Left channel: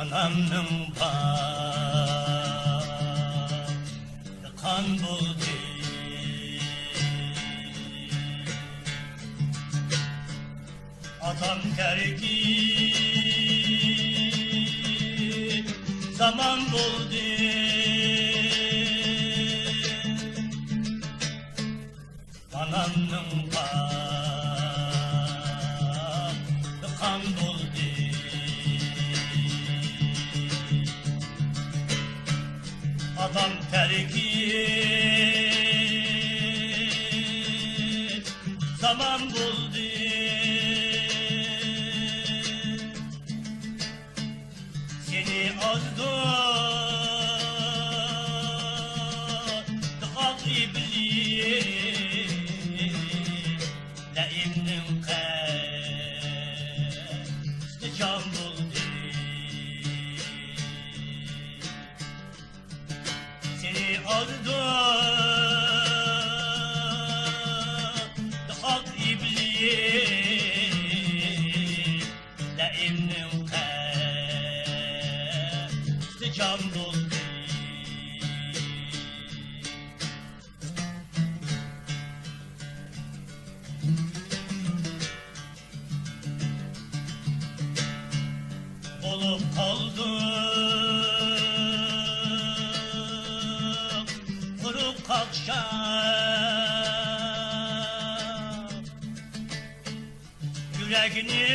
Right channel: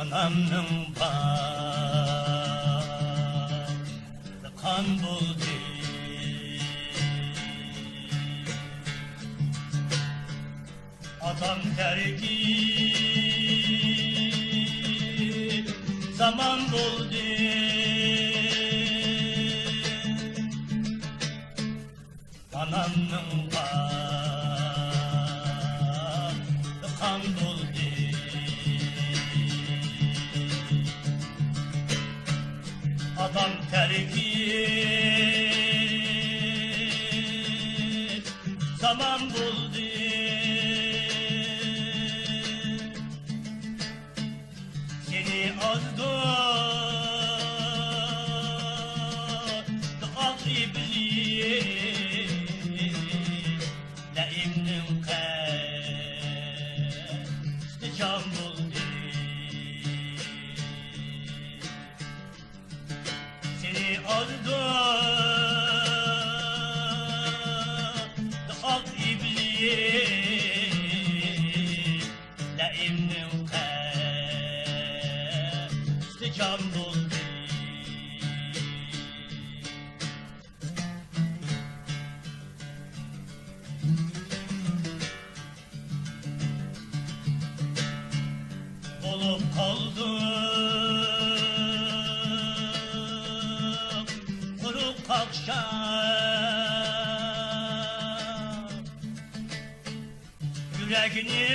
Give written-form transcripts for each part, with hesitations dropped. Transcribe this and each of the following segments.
Anamның bağı kan buldu. Atam terki zaman buldu. Anamның bağı kan buldu. Adam terki zaman buldu. Seni azdı dıkat iblis Laimnin keste can buldu. Seni azdı dıkat iblis Laimnin keste can buldu. Olup kaldım kuruk akşam, yüreğini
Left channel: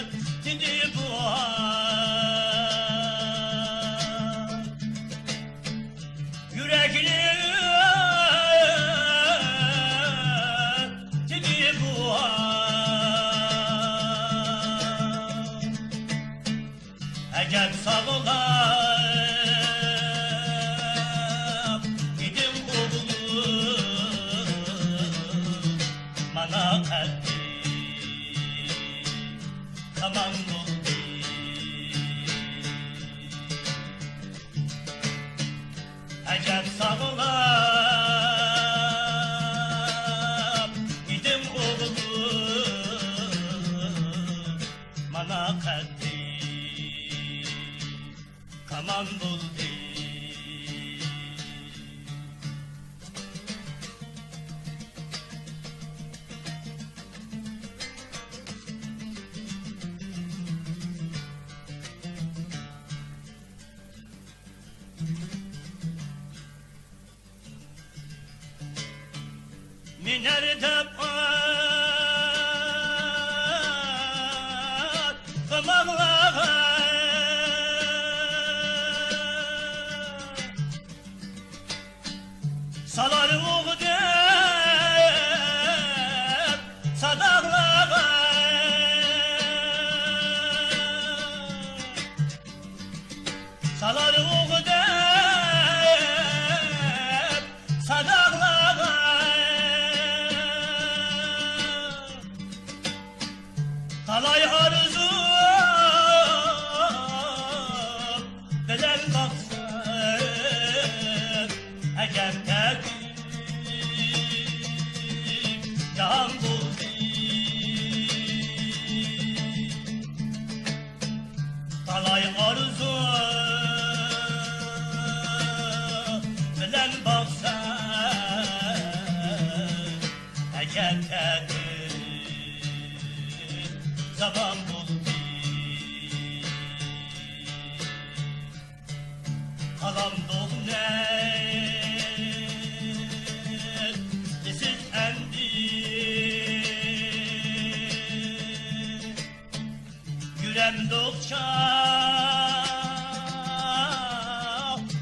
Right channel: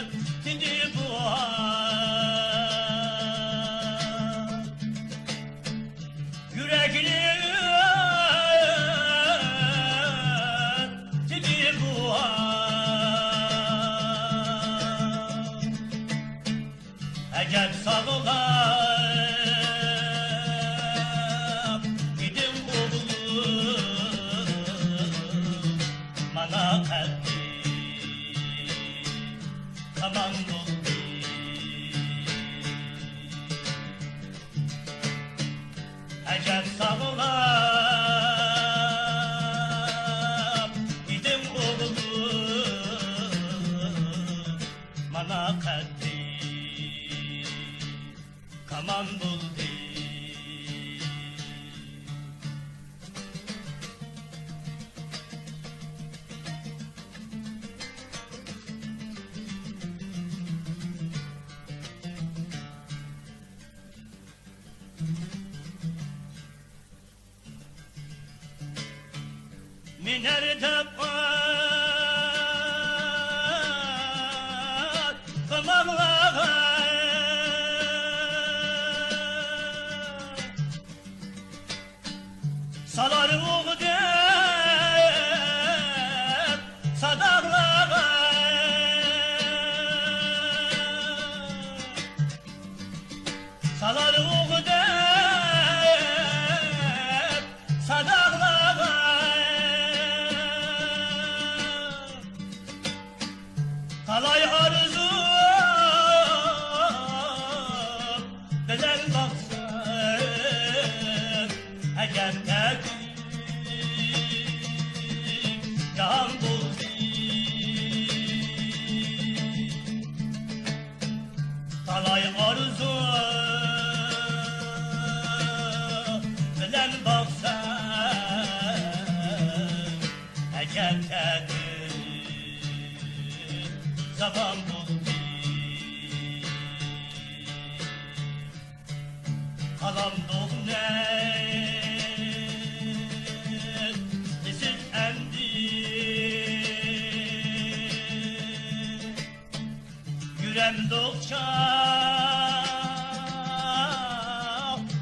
öptü bu an, yüreğini öptü bu an. Ecel sağlam gidim oğlum bana kalbi tamam oldu. Ecel sağlam gidim oğlum bana kalbi kaman buldu. Minerde pat famağlar salar oğu der sadağlar salar oğu der sadağlar kalay arzu delen baksın eğer tek can buldu. Kalay arzu delen baksın eğer tek zaman buldu. Kalan doğnet siz endi yürem dokça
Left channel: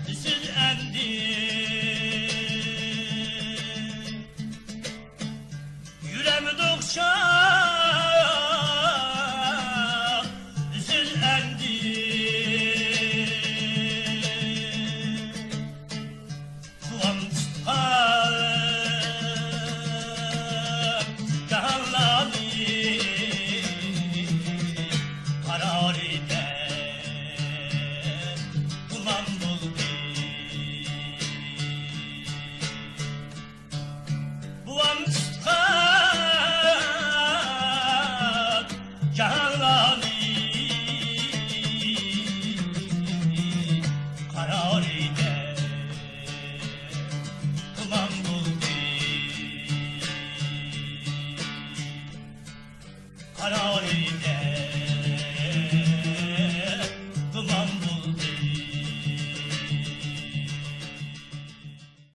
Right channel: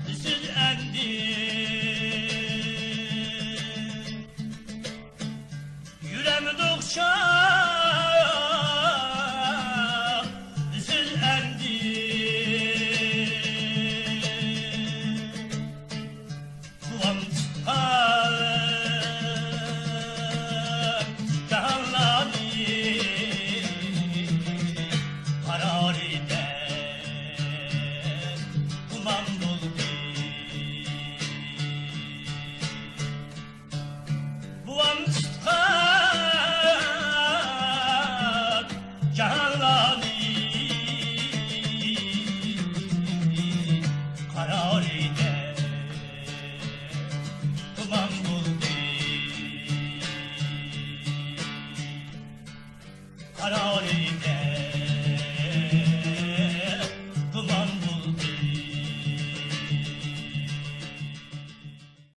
siz endi yürem dokça karar eder harari